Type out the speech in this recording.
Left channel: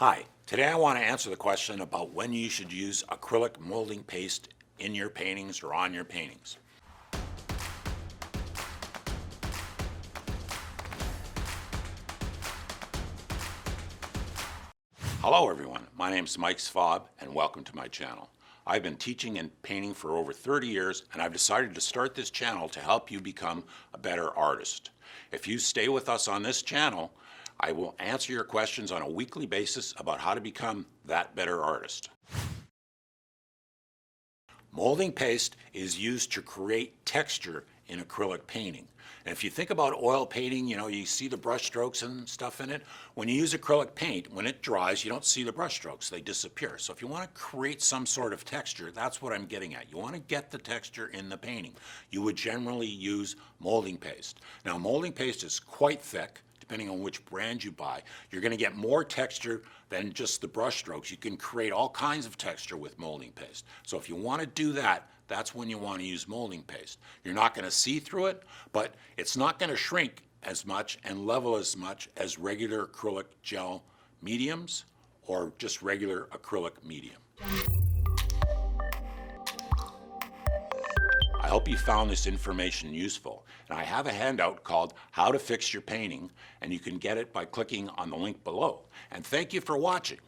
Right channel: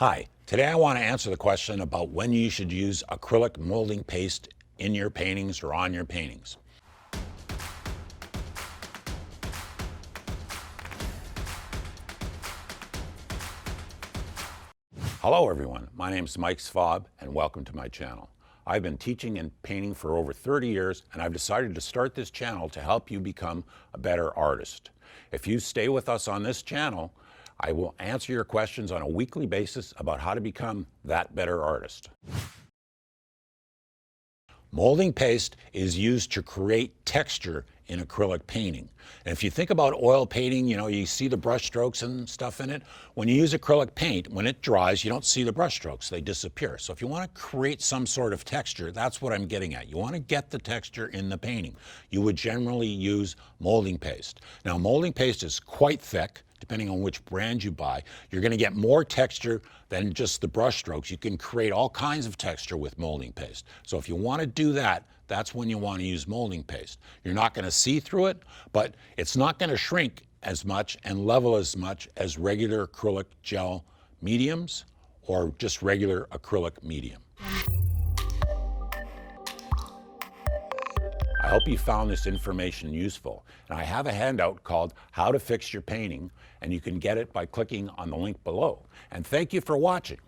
Hi, today I want to answer the question about when you should use acrylic molding paste in your paintings or on your paintings. Hello everyone, my name is Mike Svob and welcome to my channel. I've been teaching and painting for over 30 years and I've decided to start this channel to help you become a better artist. If you stay with us on this channel, I will answer your questions on a weekly basis about how to become that better artist. Molding paste is used to create texture in acrylic painting. And if you think about oil painting, you see the brush strokes and stuff in it. When you use acrylic paint, when it dries, you don't see the brush strokes, they disappear. So if you want to create some sort of texture, that's what I'm getting at. You want to get the texture in the painting. You would generally use molding paste. Now, molding paste is quite thick. Depending on which brand you buy, you're going to get more texture than just the brush strokes. You can create all kinds of texture with molding paste. So if you want to do that, that's when you want to use molding paste. You're not going to see through it, but it's not going to shrink as much and level as much as regular acrylic gel mediums or just regular acrylic medium. I hope you found this information useful. And I have a handout called How to Fix Your Painting, and you can get it by clicking on the link below. And thank you for watching.